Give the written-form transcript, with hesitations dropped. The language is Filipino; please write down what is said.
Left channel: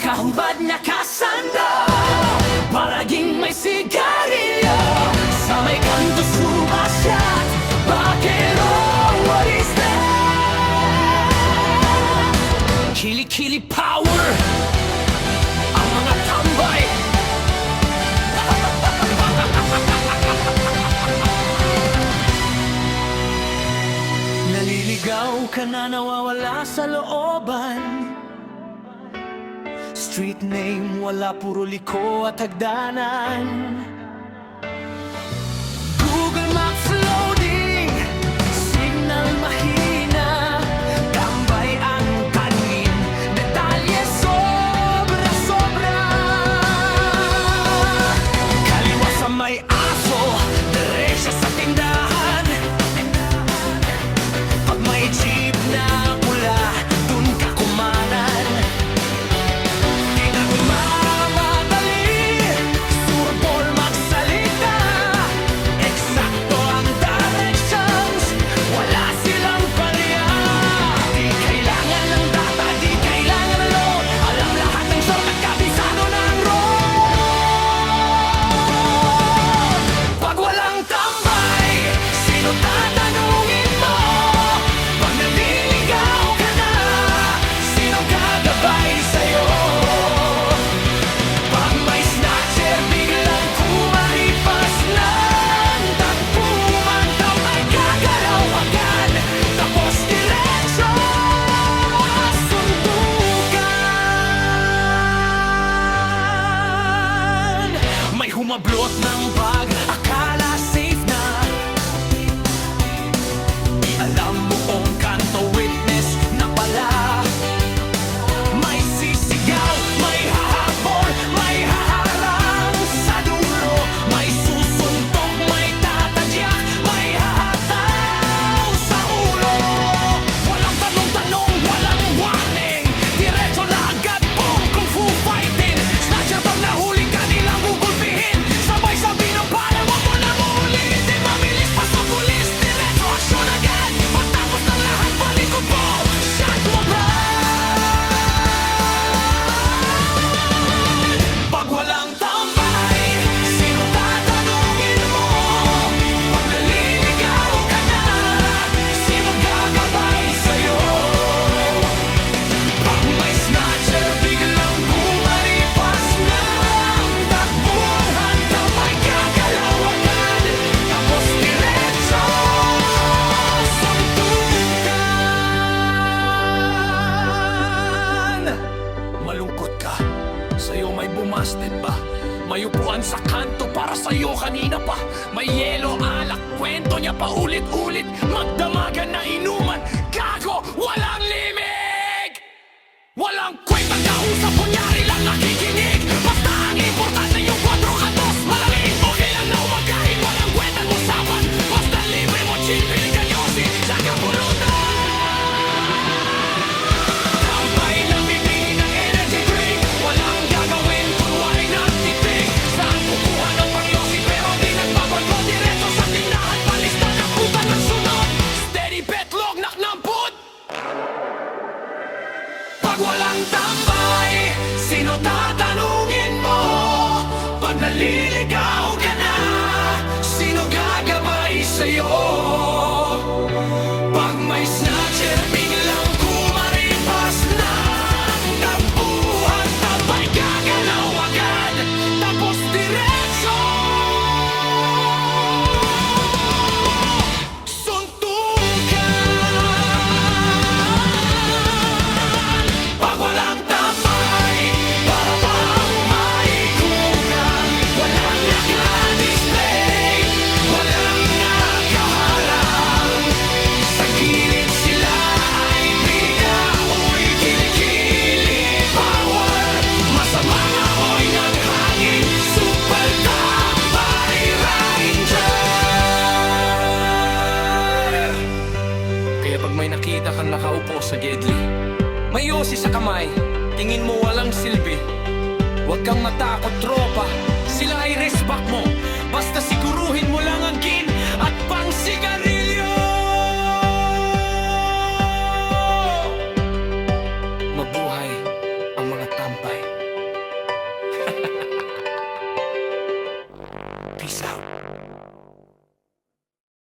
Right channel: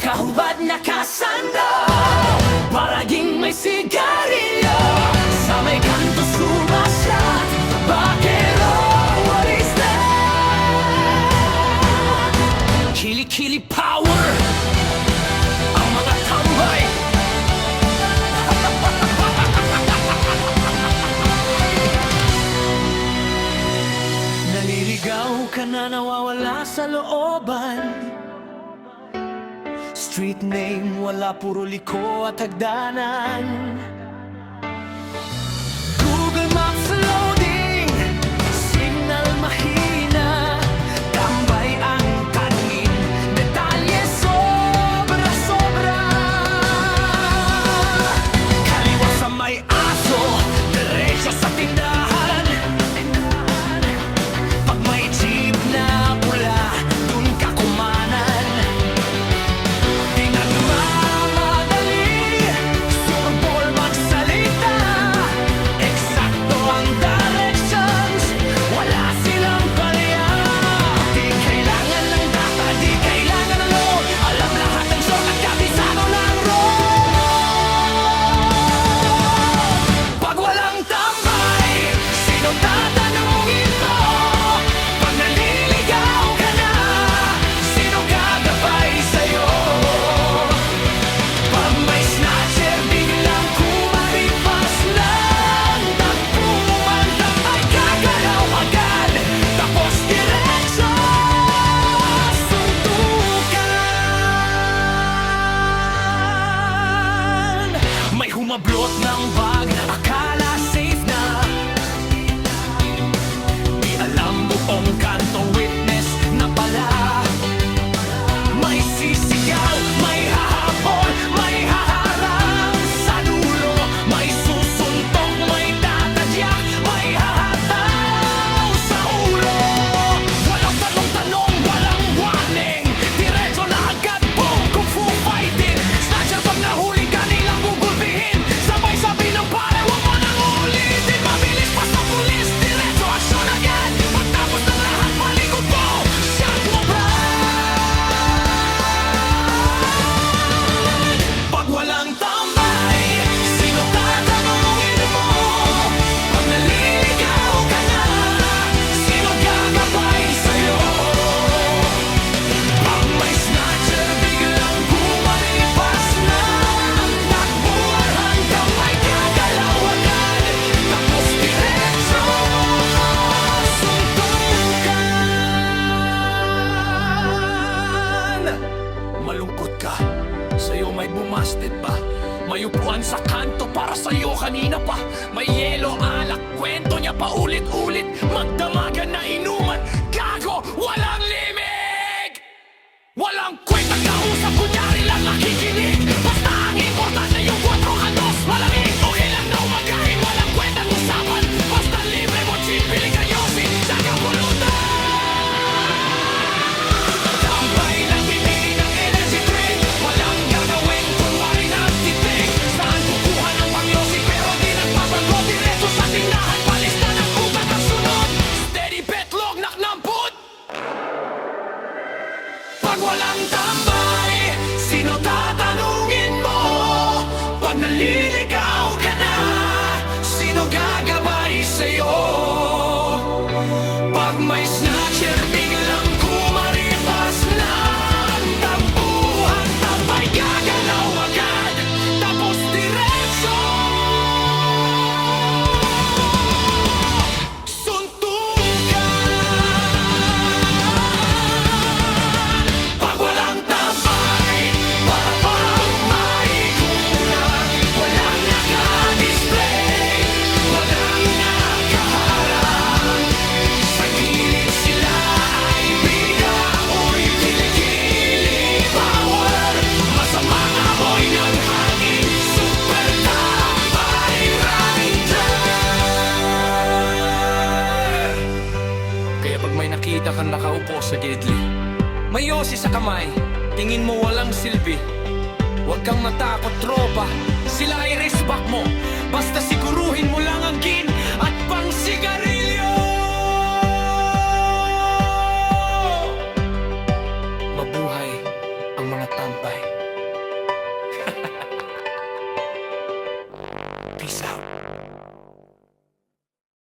Nakahubad, nakasando, palaging may sigarilyo. Sa may kanto sumasyat, bakero, what is that? Kili-kili power, ang mga tambay. Naliligaw ka na, nawawala sa looban. Street name, wala, puro liko at hagdanan. Google Maps loading, signal mahina, tambay ang kanin, detalye sobra-sobra. Kaliwa sa may aso, diretso sa tindahan. Pag may jeep na pula, dun ka kumanan. May humablot ng bag, akala safe na. Di alam buong kanto, witness na pala. May sisigaw, may hahabol, may haharang sa dulo. May susuntok, may tatadyak, may hahataw sa ulo. Walang tanong-tanong, walang warning, diretso na agad, boom, kung fu fighting. Snatcher pag nahuli ka nilang gugulpihin, sabay sabi ng pare, wag mo nang ulitin. Mabilis pa sa pulis, diretso aksyon agad. Pagtapos ng lahat, palikod po, shot mo brad. Pag walang tambay, sino tatanungin mo? Pag naliligaw ka na, sino gagabay sa'yo? Pag may snatcher, biglang gumaripas ng takbuhan, tambay gagalaw agad, tapos diretso suntukan. Malungkot ka, sa'yo may bumasted ba? May upuan sa kanto para sa'yo kanina pa. May yelo, alak, kwento niya paulit-ulit. Magdamagan na inuman, gago, walang limig. Walang kwentang kausap, kunyari lang nakikinig. Basta ang importante yung 4 kantos, malamig. Okay lang na umagahin, walang kwentang usapan. Basta libre mo, gin, pili ka yosi, tsaka pulutan. Tambay lang bibili ng energy drink, walang gagawin, kunwari nagtitig. Saan kukuha ng pangyosi pero di nagpapago, diretso sa tindahan, palista ng utang na sunod. Steady bet, log, naknamput. Pag walang tambay, sino tatanungin mo? Pag naliligaw ka na, sino gagabay sa'yo? Pag may snatcher, biglang kumaripas ng tampuhan, tambay gagalaw agad, tapos diretso suntukan. Pag walang tambay, para bang may kulang. Walang naka-display, walang nakaharang. Sa gilid sila ay bida, uy, kilikili power. Masamang amoy ng hangin, super tambay ranger. Kaya pag may nakita kang nakaupo sa gedli, may yosi sa kamay, tingin mo walang silbi, huwag kang matakot, tropa. Sila ay resback mo, basta siguruhin mo lang ang gin at pang sigarilyo. Mabuhay ang mga tambay.